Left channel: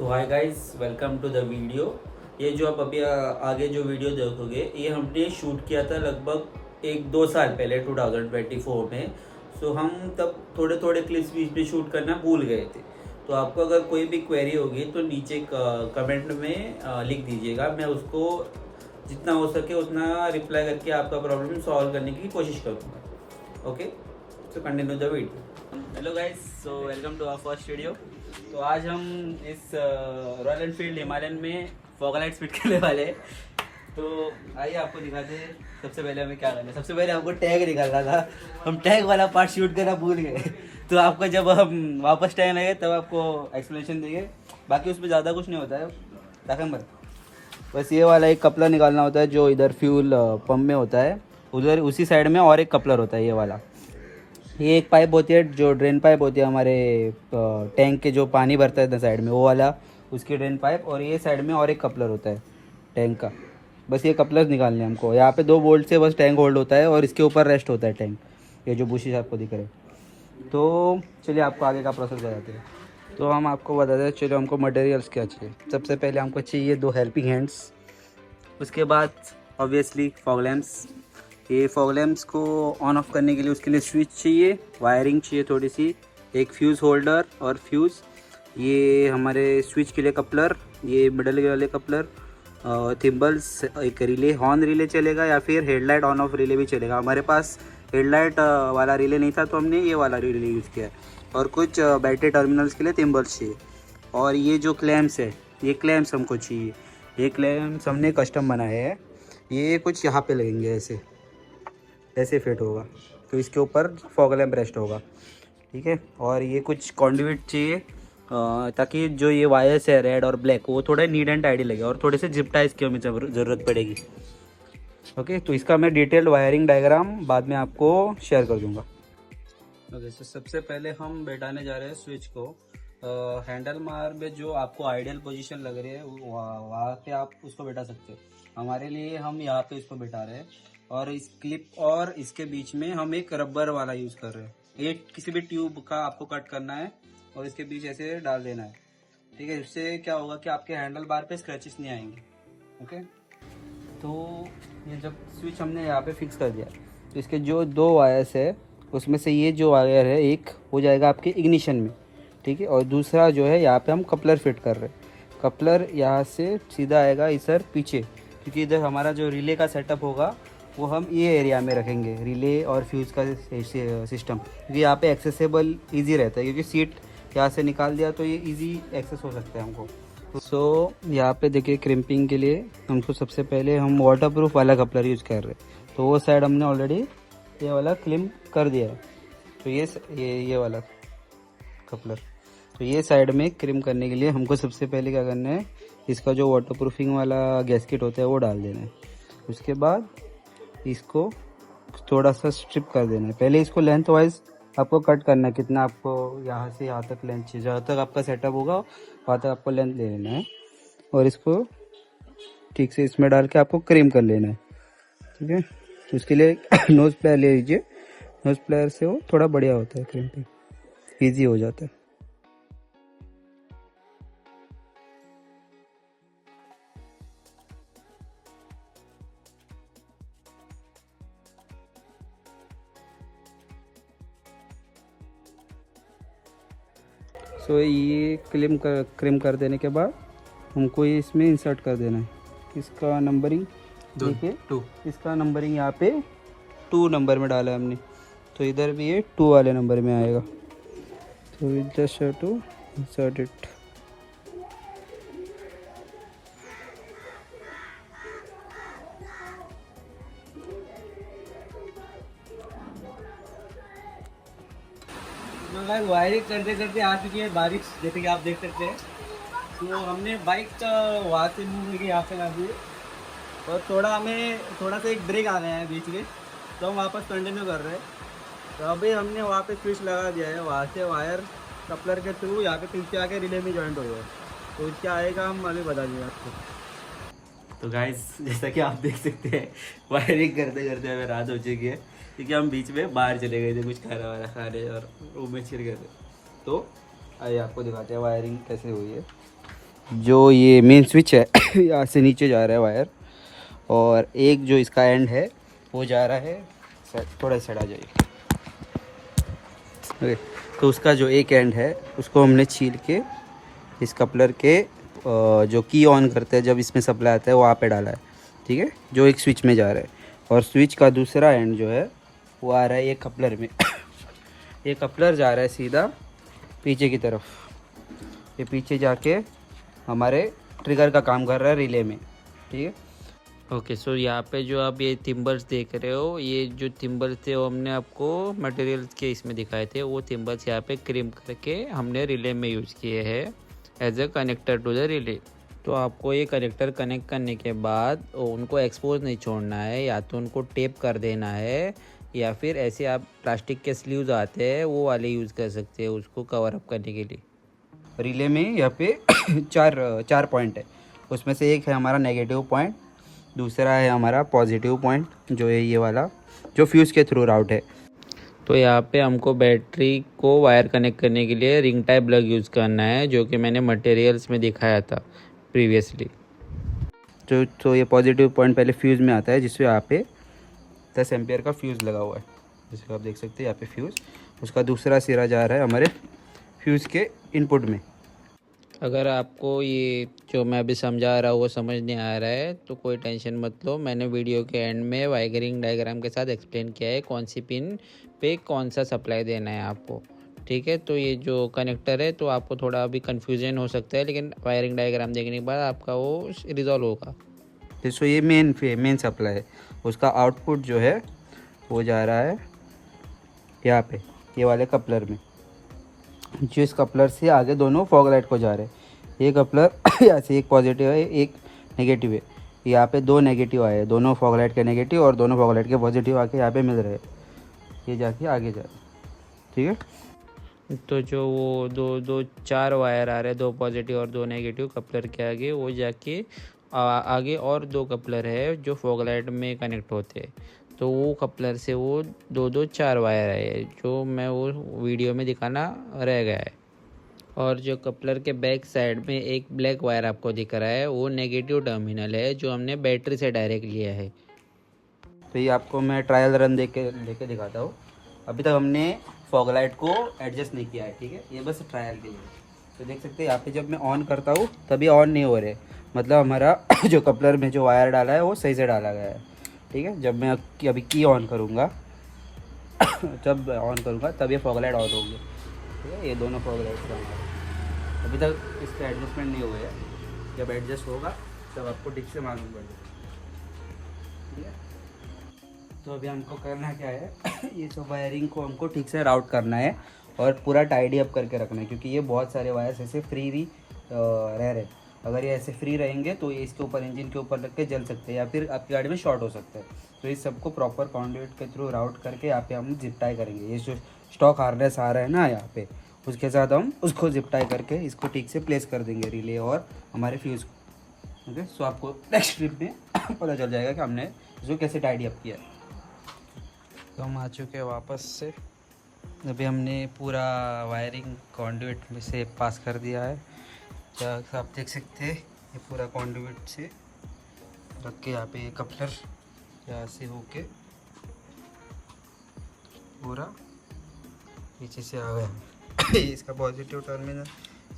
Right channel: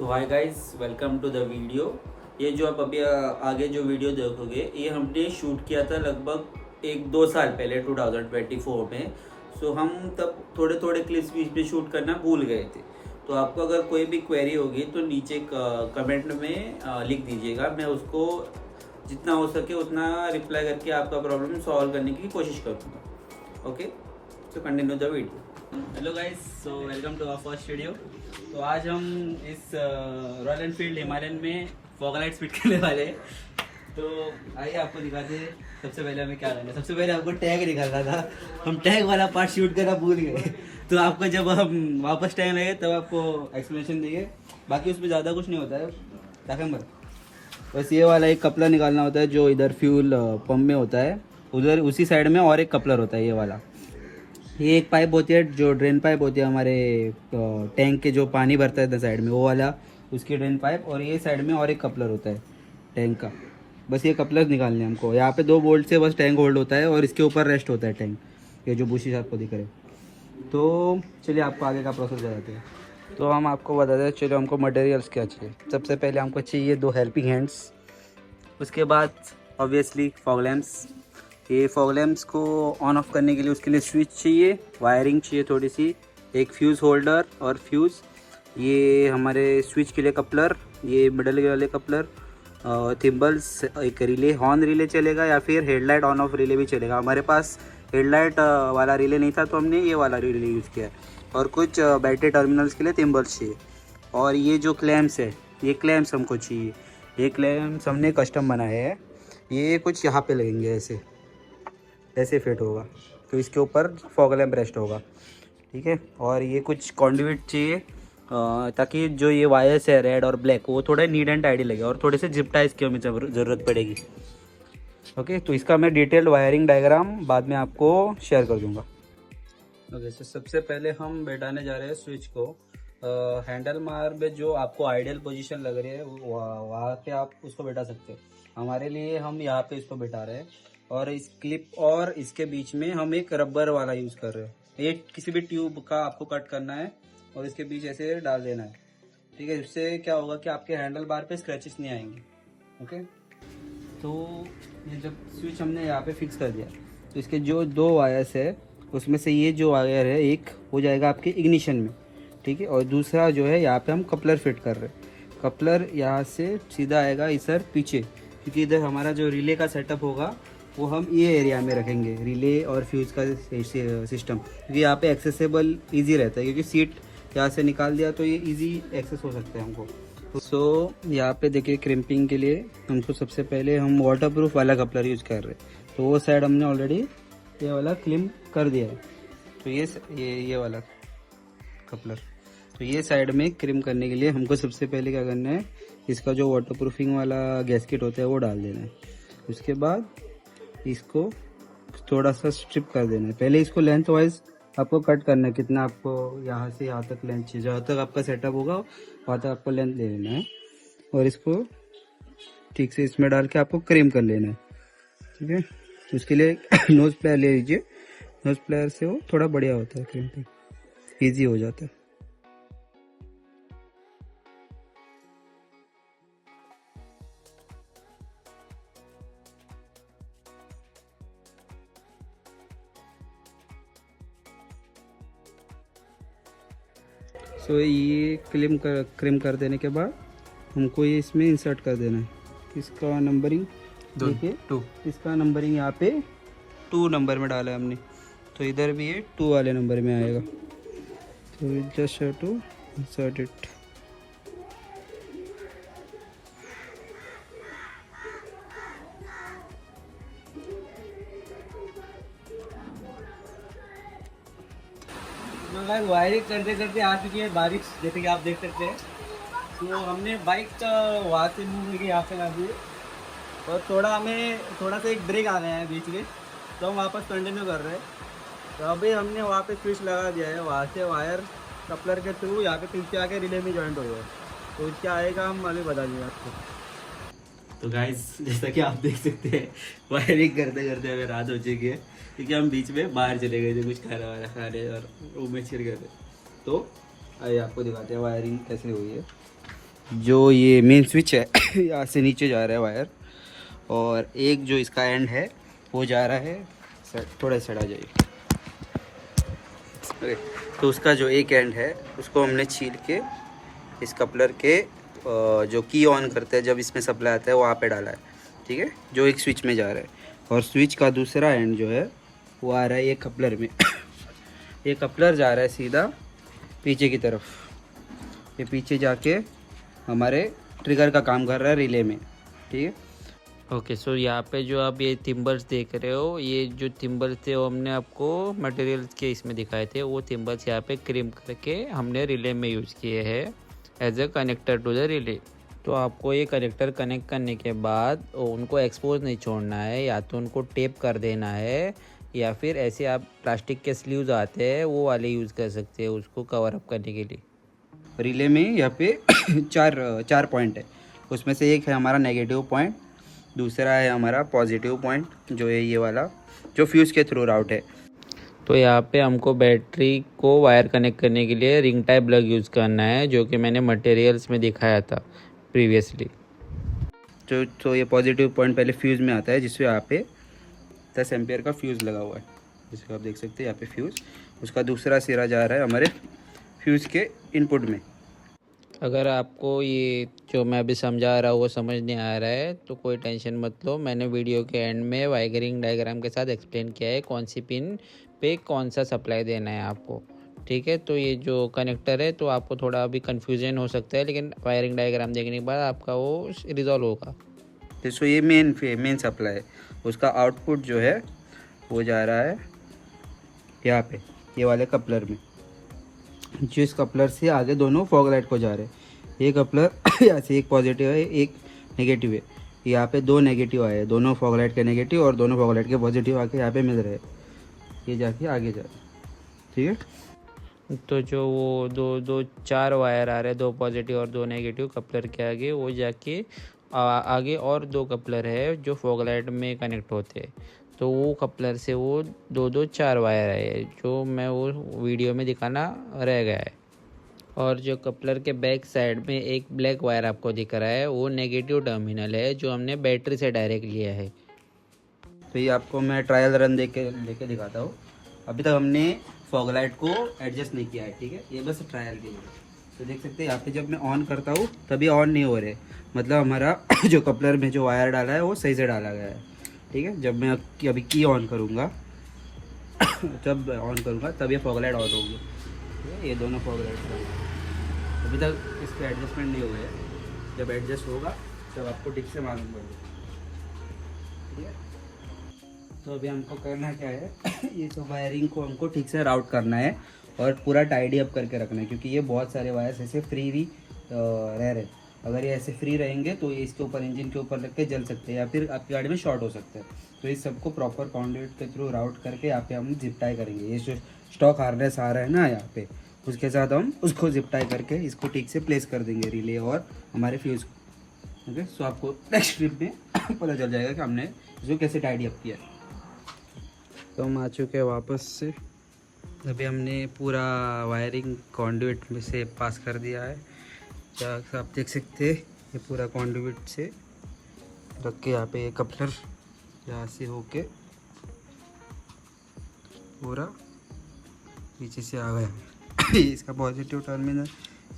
तो hi guys, welcome to the video. ये जो आप अभी आगे जो वीडियो देखोगे ये हमने शूट किया था लगभग 1-2 साल पहले 2024 में। सो हम तब थोड़े थोड़े क्लिप्स बीच में शूट करना भूल गए थे। तो आपको अगर कोई भी क्वेरी होगी तो नीचे कमेंट में लिख दीजिएगा, मैं उसको जितना हो सके उतना रिप्लाई करके आपका प्रॉब्लम सॉल्व करने की कोशिश करूँगा। Okay, so continue the video. Hello guys, so welcome to our first video. तो आज हम इस रॉयल एनफील्ड हिमालयन में फॉग लाइट्स फिट करने वाले हैं। तो आइए आपको दिखाते हैं। सबसे पहले हमें क्या करना है, सबसे पहले हमको टैग निकालना था। हम टैग वाला पार्ट शूट करना भूल गए। तो आपको जब हम वापस टैग लगे तब आपको एक्सप्लेनेशन देंगे। बाकी उसमें ज़्यादा कुछ नहीं होता है काकंबर, बस ये वाला एक कपलर निकालना होता है जो इधर फ्यूल पंप में होता है। उधर उसी साइड में और एक कपलर होता है, ये वाला। ये एक पाइप होती है जो ड्रेन पाइप होती है हमारे टैंक के, जो पानी भरता है साइड में वो वाला, उसकी ड्रेन पाइप। और ये साइड में और एक कपलर होता है टैंक का। बस ये कपलर निकालने हैं हमको। यहाँ पे 2 बोल्ट से बस टैंक होल्ड होता है और इसके ऊपर रेस्ट होता है टैंक, ये जो बुशी आपको दिख रहा है। तो चलिए आपको आगे का प्रोसेस बताते हैं। तो हम आपको बताते हैं, चलो हमको मटेरियल्स क्या चाहिए। सबसे पहले हमको चाहिए 2 हेल्पिंग हैंड्स। उसके बाद ऑब्वियसली फॉग लैम्प्स। ये फॉग लैम्प्स को ऑन ऑफ करने के लिए उसके लिए स्विच चाहिए, वायरिंग चाहिए थोड़ी सी, एक फ्यूज़ होल्डर और फ्यूज़, ये हमारे स्विच के लिए कपलर, ये मिडल वाले कपलर, थिम्बल्स, एक रिले, हॉर्न रिले चलेगा या फिर हेडलाइट ऑन ऑफ रिले भी चलेगा। हमारे पास हेडलाइट वाला रिले नहीं था तो हमने ये वाला रिले यूज़ किया है। और कुछ बैटरी टर्मिनल्स के लिए थिम्बल्स चाहिए। और ये जो क्लैम्प्स है, ये क्लैम्प्स हमको चाहिए। ये क्लैम्प्स हमने कस्टम बनाए हैं। ये कुछ यहाँ पे लगेंगे, ऐसे ऐसे फिट होगा, तो इसके ऊपर फॉग लैम्प रेस्ट होगा, ठीक है। और ये कुछ कॉन्डुइट चाहिए ताकि जो ये वायर्स है रेड और ब्लैक वो थोड़ा नीट एंड टाइडी लगे, और थोड़े से जिप टाइज की हमें ज़रूरत पड़ेगी। ओके, तो इसका मैं डिटेल्ड वायरिंग डायग्राम बाद में आपको शेयर कर दूंगा। ओके, तो सबसे पहले हम बैठाने जा रहे हैं स्विच को। हैंडल मार में जो आपको आइडियल पोजीशन लग रही है वहाँ पे आप उसको बैठा सकते हो। हमारे लिए हम यहाँ पे इसको बैठा रहे हैं, और इस क्लिप और इसके बीच में हम एक रबर वाला यूज़ कर रहे हैं। ये किसी भी ट्यूब का आपको कट करना है और इसके बीच ऐसे डाल देना है, ठीक है। इससे क्या होगा कि आपके हैंडल बार पे स्क्रैचेस नहीं आएंगे। ओके, तो ये जब स्विच हमने यहाँ पे फिक्स कर दिया तो इसके जो 2 वायर्स है उसमें से ये जो वायर है एक हो जाएगा आपके इग्निशन में, ठीक है। और दूसरा जो है यहाँ पे हम कपलर फिट कर रहे हैं। कपलर यहाँ से सीधा आएगा इधर पीछे, क्योंकि इधर हमारा जो रिले का सेटअप होगा वो हम ये एरिया में रखेंगे, रिले और फ्यूज़ का सिस्टम। क्योंकि यहाँ पे एक्सेसिबल ईजी रहता है, क्योंकि सीट यहाँ से निकाल दिया तो ये ईजी एक्सेस हो सकता है हमको। तो यहाँ पे देखिए, क्रिम्पिंग के लिए हमको सबसे पहले हम वाटरप्रूफ वाला कपलर यूज़ कर रहे हैं। तो वो साइड हमने ऑलरेडी ये वाला क्लिप कर दिया है। तो ये वाला कपलर, तो ये साइड में क्रिम करने के लिए हमको सबसे पहले क्या करना है, इसका जो वाटरप्रूफिंग वाला गैस्केट होता है वो डाल देना है। उसके बाद इसको थोड़ा सा स्ट्रिप कर देना है। पहले इसको लेंथ वाइज आपको कट करना है, कितना आपको यहाँ से यहाँ तक लेंथ चाहिए, जहाँ तक आपका सेटअप होगा वहाँ तक आपको लेंथ ले लेना है। और इसको ठीक से इसमें डाल के आपको क्रीम कर लेना है, ठीक है। उसके लिए नोज प्लायर ले लीजिए। नोज प्लायर से वो थोड़ा बढ़िया होता है, क्रीम ईजी हो जाता है। सो ये क्रीम कर देने के बाद हमको ये इसमें इंसर्ट कर देना है। इसका नंबरिंग देखिए, 2, इसका नंबरिंग यहाँ पे 2 नंबर में डाला है हमने, तो इधर भी ये 2 वाले नंबर में आएगा। तो just have to insert it. मगर वायरिंग करते करते आ चुकी है बारिश, जैसे कि आप देख सकते हैं। तो हमने बाइक का वहाँ से मूव करके यहाँ पे ला दिए, और थोड़ा सा एक ब्रेक आ गया है बीच में, तो हम वापस कंटिन्यू कर रहे हैं। तो अभी हमने वहाँ पे स्विच लगा दिया है, वहाँ से वायर कपलर के थ्रू यहाँ पे पीछे आके रिले में जॉइंट हो गया। तो क्या आएगा हम अभी बता देंगे आपको। तो गाइस, जैसा कि आप देख सकते हैं वायरिंग करते करते हमें रात हो चुकी है, क्योंकि हम बीच में बाहर चले गए थे कुछ खा रहे और रूम में छिड़ गए थे। तो आइए आपको दिखाते हैं वायरिंग कैसे हुई है। जो ये मेन स्विच है यहाँ से नीचे जा रहा है वायर, और एक जो इसका एंड है वो जा रहा है सर, थोड़ा सड़ा जाइए, ठीक है। तो उसका जो एक एंड है उसको हमने छील के इस कपलर के जो की ऑन करते हैं जब इसमें सप्लाई आता है वहाँ पे डाला है, ठीक है, जो एक स्विच में जा रहा है। और स्विच का दूसरा एंड जो है वो आ रहा है ये कपलर में ये कपलर जा रहा है सीधा पीछे की तरफ, ये पीछे जाके हमारे ट्रिगर का काम कर रहा है रिले में, ठीक है। ओके, सो यहाँ पे जो आप ये थिम्बल्स देख रहे हो, ये जो थिम्बल्स थे वो हमने आपको मटेरियल्स के इसमें दिखाए थे, वो थिम्बल्स यहाँ पे क्रिम करके हमने रिले में यूज़ किए हैं as a connector to the relay. तो आपको ये कनेक्टर कनेक्ट करने के बाद उनको एक्सपोज नहीं छोड़ना है, या तो उनको टेप कर देना है, या फिर ऐसे आप प्लास्टिक के स्लीव्स आते हैं वो वाले यूज़ कर सकते हैं उसको कवर अप करने के लिए। रिले में यहाँ पे चार पॉइंट है, उसमें से एक है हमारा नेगेटिव पॉइंट, दूसरा है हमारा पॉजिटिव पॉइंट जो है ये वाला जो फ्यूज़ के थ्रू राउट है। तो यहाँ पे हमको बैटरी को वायर कनेक्ट करने के लिए रिंग टाइप प्लग यूज़ करना है, जो कि मैंने मटेरियल्स में दिखाया था प्रीवियसली। तो ये पॉजिटिव पॉइंट पहले फ्यूज़ में आता है, जिसमें यहाँ पे 10 एम्पियर का फ्यूज़ लगा हुआ है, जिसको आप देख सकते हैं यहाँ पे फ्यूज़, उसका दूसरा सिरा जा रहा है हमारे फ्यूज़ के इनपुट में। अगर आपको ये जो मैं अभी समझा रहा हूँ वो समझ नहीं आ रहा है तो कोई टेंशन मत लो, मैंने वीडियो के एंड में वायरिंग डायग्राम के साथ एक्सप्लेन किया है कौन सी पिन पे कौन सा सप्लाई देना है आपको, ठीक है। तो ये जो कनेक्टर है तो आपको थोड़ा अभी कन्फ्यूजन हो सकता है, लेकिन वायरिंग डायग्राम देखने के बाद आपका वो रिजॉल्व होगा। जैसे ये मेन सप्लाई है, उसका आउटपुट जो है वो जा रहा है यहाँ पे ये वाले कपलर में, जो इस कपलर से आगे दोनों फॉग लाइट को जा रहे हैं। ये कपलर यहाँ से एक पॉजिटिव है एक नेगेटिव है, यहाँ पे दो नेगेटिव आए हैं, दोनों फॉग लाइट के नेगेटिव और दोनों फॉग लाइट के पॉजिटिव आके यहाँ पे मिल रहे हैं, ये जाके आगे जा रहे हैं, ठीक है। तो जो वो दो चार वायर आ रहे हैं, दो पॉजिटिव और दो नेगेटिव कपलर के आगे, वो जाके आगे और दो कपलर है जो फॉग लाइट में कनेक्ट होते हैं, तो वो कपलर से वो दो चार वायर है जो मैं वो वीडियो में दिखाना रह गया है। और जो कपलर के बैक साइड में एक ब्लैक वायर आपको दिख रहा है वो नेगेटिव टर्मिनल है जो हमने बैटरी से डायरेक्ट लिया है। तो ये आपको मैं ट्रायल रन लेके दिखाता हूँ। अभी तक हमने फॉग लाइट को एडजस्ट नहीं किया है, ठीक है, ये बस ट्रायल के लिए। तो देख सकते हैं यहाँ पे जब मैं ऑन करता हूँ तभी ऑन नहीं हो रहे, मतलब हमारा जो कपलर में जो वायर डाला है वो सही से डाला गया है, ठीक है। जब मैं अभी की ऑन करूँगा जब ऑन करूँगा तब ये फॉग लाइट ऑन होगी, ठीक है, ये दोनों फॉग लाइट। अभी तक इसका एडजस्टमेंट नहीं हुआ है, जब एडजस्ट होगा तब आपको ठीक से मालूम पड़ेगा, ठीक है। तो अभी हमको करना क्या है ये जो वायरिंग को हमको ठीक से राउट करना है और पूरा टाइडी अप करके रखना है, क्योंकि ये बहुत सारे वायर्स ऐसे फ्री रह रहे। अगर ये ऐसे फ्री रहेंगे तो ये इसके ऊपर इंजन के ऊपर लग के जल सकते हैं या फिर आपकी गाड़ी में शॉर्ट हो सकता है। तो इस सबको प्रॉपर कॉन्ड्यूट के थ्रू राउट करके यहाँ पे हम जिप टाई करेंगे। ये जो स्टॉक हार्नेस आ रहा है ना यहाँ पे, उसके साथ हम उसको जिप टाई करके इसको ठीक से प्लेस कर देंगे रिले और हमारे फ्यूज़ को। ओके, सो आपको नेक्स्ट ट्रिप में पता चल जाएगा कि हमने इसको कैसे टाइडी अप किया। तो हम आ चुके हैं वापस से। अभी हमने पूरा वायरिंग कॉन्ड्यूट में से पास कर दिया है, जहाँ आप देख सकते हैं ये पूरा कॉन्ड्यूट से रख के यहाँ पे ये कपलर यहाँ से होके पूरा नीचे से आ गया इसका पॉजिटिव टर्मिनल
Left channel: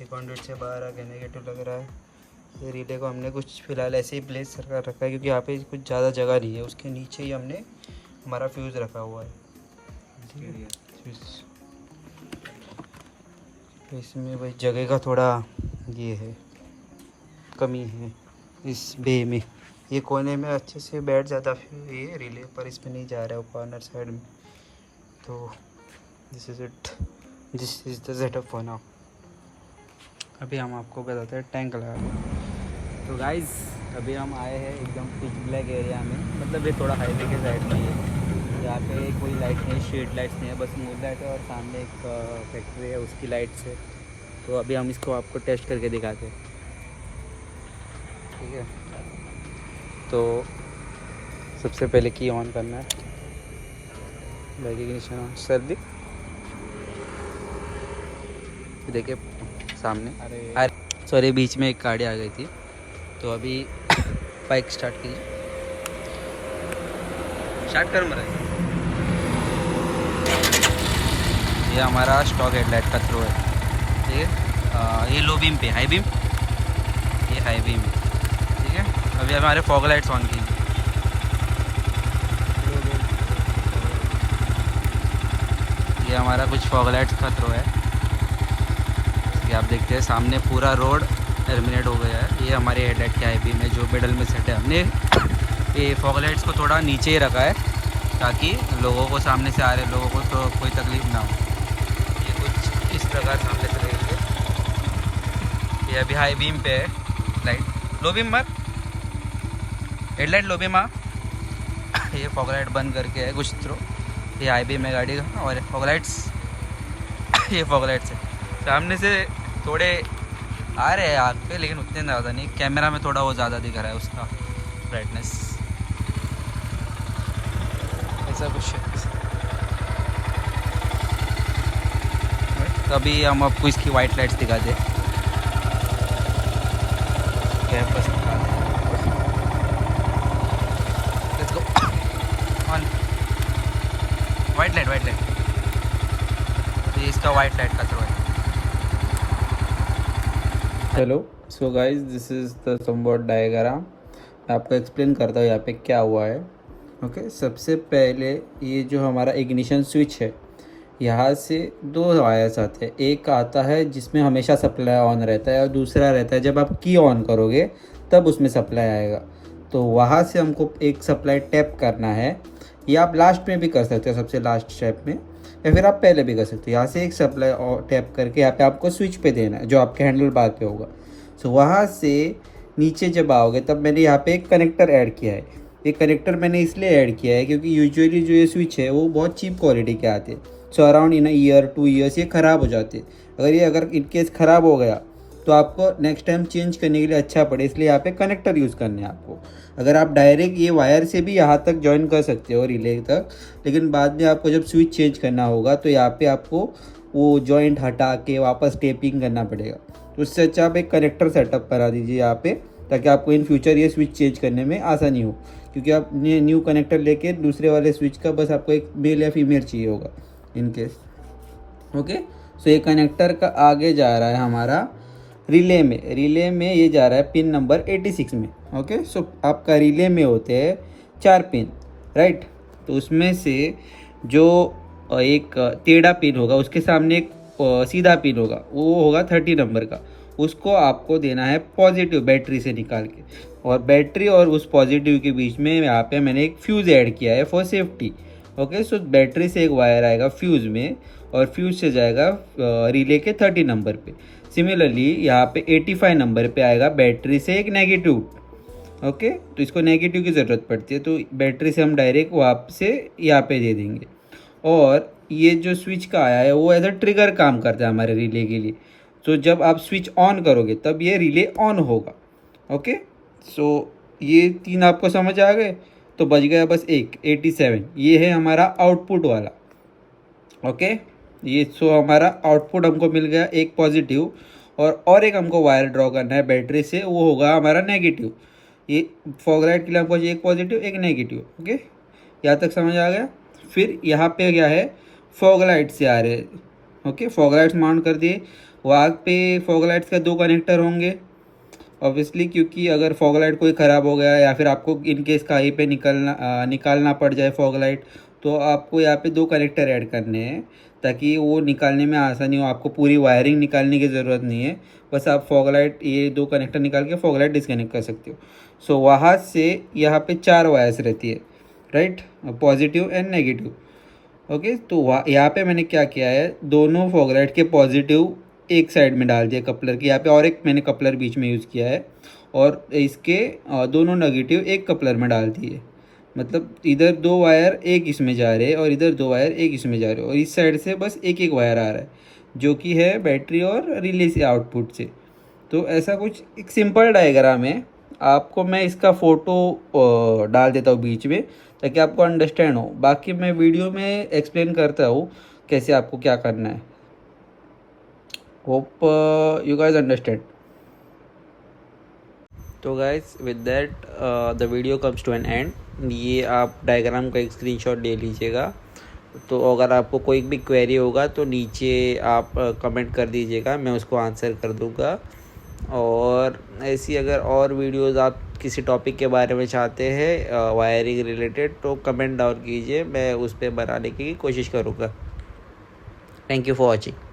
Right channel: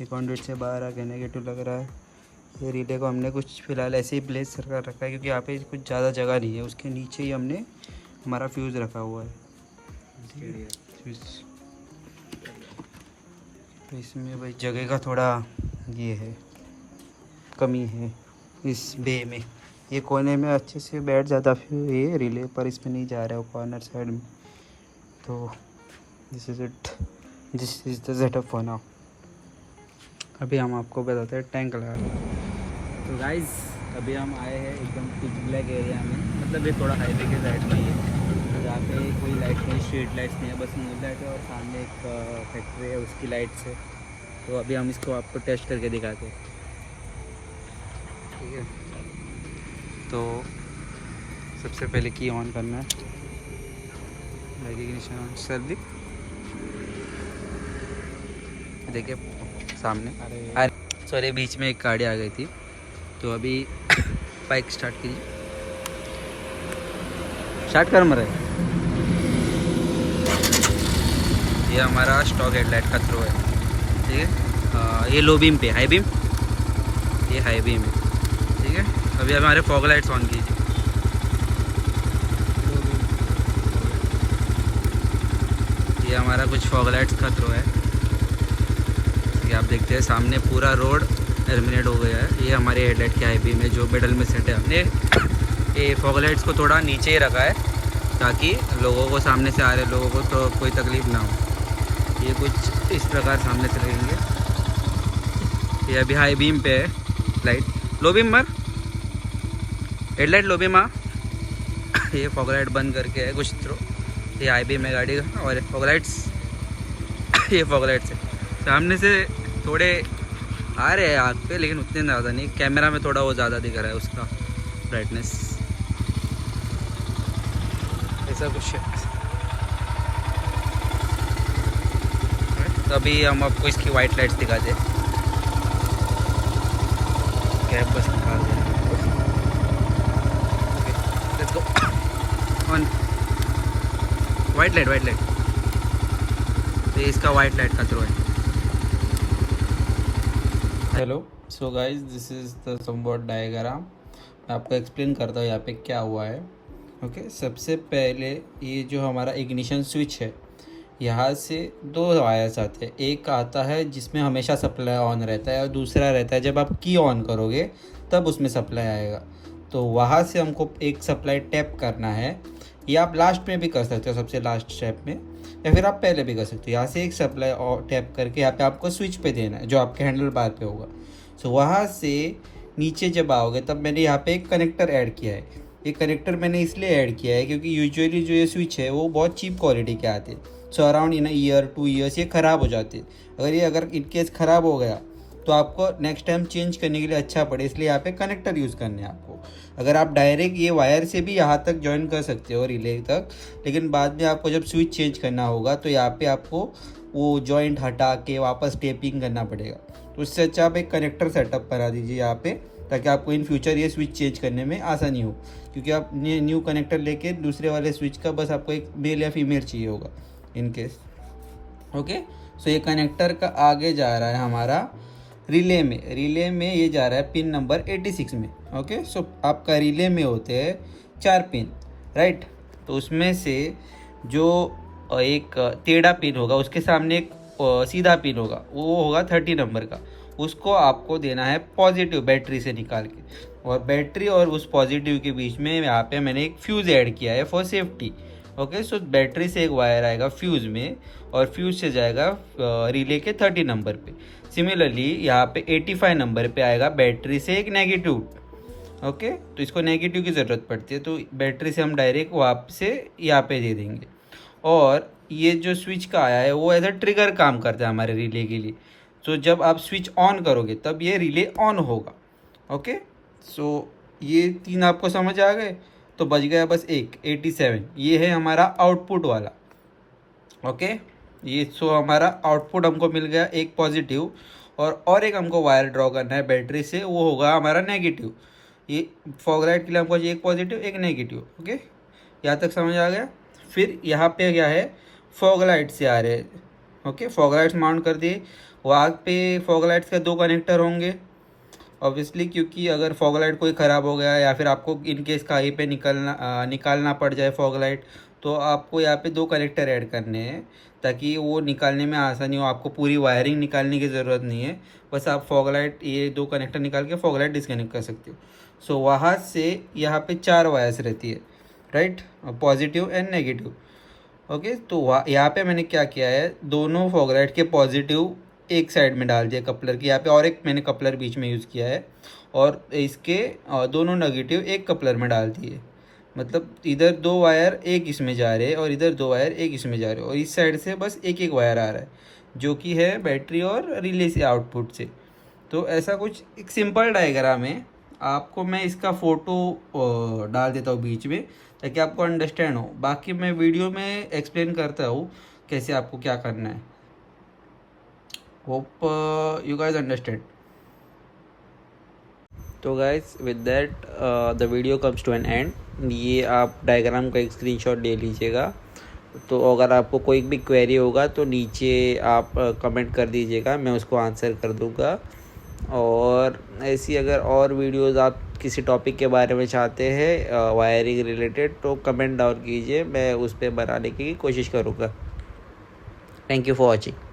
ये कॉन्ड्यूट से बाहर आ गया, नेगेटिव लग रहा है। ये रिले को हमने कुछ फ़िलहाल ऐसे ही प्लेस कर रखा है क्योंकि यहाँ पे कुछ ज़्यादा जगह नहीं है, उसके नीचे ही हमने हमारा फ्यूज़ रखा हुआ है। इसमें भाई जगह का थोड़ा ये है, कमी है इस बे में। ये कोने में अच्छे से बैठ जाता फिर ये रिले, पर इसमें नहीं जा रहा है वो कॉर्नर साइड में। तो this is the setup for now. अभी हम आपको बताते हैं टैंक लगा। तो गाइस अभी हम आए हैं एकदम पिच ब्लैक एरिया में, मतलब ये थोड़ा हाईवे के साइड में है, यहाँ पे कोई लाइट नहीं, स्ट्रीट लाइट्स नहीं है, बस नील लाइट है और सामने एक फैक्ट्री है उसकी लाइट्स है। तो अभी हम इसको आपको टेस्ट करके दिखाते हैं, ठीक है। तो सबसे पहले की ऑन करना है, इग्निशन ऑन सर भी देखिए सामने। अरे सॉरी बीच में एक गाड़ी आ गई थी, तो अभी बाइक स्टार्ट की, स्टार्ट कर मरे। ये हमारा स्टॉक हेडलाइट का थ्रो है, ठीक है। ये लो बीम पे, हाई बीम, ये हाई बीम, ठीक है। अभी हमारे फॉग लाइट्स ऑन की, ये हमारा कुछ फॉग लाइट्स का थ्रो है। ये आप देखते हैं सामने पूरा रोड टर्मिनेट हो गया है। ये हमारी हेडलाइट की हाई बीम है जो मिडल में सेट है। हमने ये फॉग लाइट्स को थोड़ा नीचे ही रखा है ताकि लोगों को, सामने से आ रहे लोगों को तो कोई तकलीफ ना हो। ये कुछ इस प्रकार सामने से रहेंगे। ये अभी हाई बीम पे है लाइट, लो बीम पर हेडलाइट, लो बीम ये फॉग लाइट बंद करके है कुछ थ्रो। ये हाई बीम है गाड़ी का, और फॉग लाइट्स ये फॉग लाइट्स है। सामने से थोड़े आ रहे हैं आग पे, लेकिन उतने ज़्यादा नहीं। कैमरा में थोड़ा वो ज़्यादा दिख रहा है उसका ब्राइटनेस, ऐसा कुछ है। अभी हम आपको इसकी वाइट लाइट्स दिखाते हैं। वाइट लाइट, वाइट लाइट, ये इसका वाइट लाइट का थ्रो है। Hello, so guys this is the somewhat diagram. मैं आपको एक्सप्लेन करता हूँ यहाँ पे क्या हुआ है। ओके, सबसे पहले ये जो हमारा इग्निशन स्विच है, यहाँ से दो वायर्स आते हैं। एक आता है जिसमें हमेशा सप्लाई ऑन रहता है, और दूसरा रहता है जब आप की ऑन करोगे तब उसमें सप्लाई आएगा। तो वहाँ से हमको एक सप्लाई टैप करना है, या आप लास्ट में भी कर सकते हो, सबसे लास्ट स्टेप में, या फिर आप पहले भी कर सकते हो। यहाँ से एक सप्लाई टैप करके यहाँ पे आपको स्विच पे देना है जो आपके हैंडल बार पे होगा। सो वहाँ से नीचे जब आओगे तब मैंने यहाँ पे एक कनेक्टर ऐड किया है। ये कनेक्टर मैंने इसलिए ऐड किया है क्योंकि यूजुअली जो ये स्विच है वो बहुत चीप क्वालिटी के आते हैं। So around in year 2 years ये ख़राब हो जाते हैं। अगर इनकेस ख़राब हो गया तो आपको नेक्स्ट टाइम चेंज करने के लिए अच्छा पड़े, इसलिए यहाँ पे कनेक्टर यूज़ करने हैं आपको। अगर आप डायरेक्ट ये वायर से भी यहाँ तक जॉइन कर सकते हो रिले तक, लेकिन बाद में आपको जब स्विच चेंज करना होगा तो यहाँ पे आपको वो जॉइंट हटा के वापस टेपिंग करना पड़ेगा। तो उससे अच्छा आप एक कनेक्टर सेटअप करा दीजिए यहाँ पे, ताकि आपको इन फ्यूचर ये स्विच चेंज करने में आसानी हो। क्योंकि आप न्यू कनेक्टर लेके दूसरे वाले स्विच का बस आपको एक मेल या फीमेल चाहिए होगा इन केस। ओके, सो ये कनेक्टर का आगे जा रहा है हमारा रिले में ये जा रहा है पिन नंबर 86 में। ओके, सो आपका रिले में होते हैं 4 पिन, राइट। तो उसमें से जो एक टेढ़ा पिन होगा उसके सामने एक सीधा पिन होगा, वो होगा 30 नंबर का। उसको आपको देना है पॉजिटिव बैटरी से निकाल के, और बैटरी और उस पॉजिटिव के बीच में यहाँ पे मैंने एक फ्यूज़ ऐड किया है for safety. Okay, so battery से एक वायर आएगा फ्यूज़ में, और फ्यूज़ से जाएगा रिले के 30 नंबर पे। सिमिलरली यहाँ पे 85 नंबर पे आएगा बैटरी से एक नेगेटिव। ओके, तो इसको नेगेटिव की ज़रूरत पड़ती है, तो बैटरी से हम डायरेक्ट वहाँ से यहाँ पे दे देंगे। और ये जो स्विच का आया है वो एज अ ट्रिगर काम करता है हमारे रिले के लिए। तो जब आप स्विच ऑन करोगे तब ये रिले ऑन होगा। ओके, सो ये 3 आपको समझ आ गए, तो बच गया बस एक 87। ये है हमारा आउटपुट वाला। ओके, ये सो हमारा आउटपुट हमको मिल गया एक पॉजिटिव, और एक हमको वायर ड्रॉ करना है बैटरी से, वो होगा हमारा नेगेटिव। ये फॉग लाइट के लिए हमको एक पॉजिटिव एक नेगेटिव। ओके, यहाँ तक समझ आ गया। फिर यहाँ पे क्या है, फॉग लाइट से आ रहे हैं। ओके, फॉग लाइट्स माउंट कर दिए। वहाँ पे फॉग लाइट्स का 2 कनेक्टर होंगे ऑब्वियसली, क्योंकि अगर फॉग लाइट कोई ख़राब हो गया या फिर आपको इनकेस कहीं पे निकालना पड़ जाए फॉग लाइट, तो आपको यहाँ पे 2 कनेक्टर ऐड करने हैं ताकि वो निकालने में आसानी हो। आपको पूरी वायरिंग निकालने की ज़रूरत नहीं है, बस आप फॉग लाइट ये 2 कनेक्टर निकाल के फॉग लाइट डिस्कनेक्ट कर सकते हो। सो वहाँ से यहाँ पे 4 वायर्स रहती है, right, positive and negative. Okay, तो यहाँ पे मैंने क्या किया है, दोनों फॉग लाइट के पॉजिटिव एक साइड में डाल दिया कपलर के यहाँ पे, और एक मैंने कपलर बीच में यूज़ किया है, और इसके दोनों नेगेटिव एक कपलर में डाल दिए। मतलब इधर 2 वायर एक इसमें जा रहे हैं और इधर 2 वायर एक इसमें जा रहे हैं, और इस साइड से बस एक वायर आ रहा है जो कि है बैटरी और रिले से आउटपुट से। तो ऐसा कुछ एक सिंपल डायग्राम है। आपको मैं इसका फ़ोटो डाल देता हूँ बीच में ताकि आपको अंडरस्टैंड हो। बाकी मैं वीडियो में एक्सप्लेन करता हूँ कैसे आपको क्या करना है। Hope you guys understand. तो guys with that the video comes to an end. ये आप डायग्राम का एक स्क्रीनशॉट ले लीजिएगा। तो अगर आपको कोई भी क्वेरी होगा तो नीचे आप कमेंट कर दीजिएगा, मैं उसको आंसर कर दूँगा। और ऐसी अगर और वीडियोस आप किसी टॉपिक के बारे में चाहते हैं वायरिंग रिलेटेड, तो कमेंट डाउन कीजिए, मैं उस पर बनाने की कोशिश करूँगा। Thank you for watching.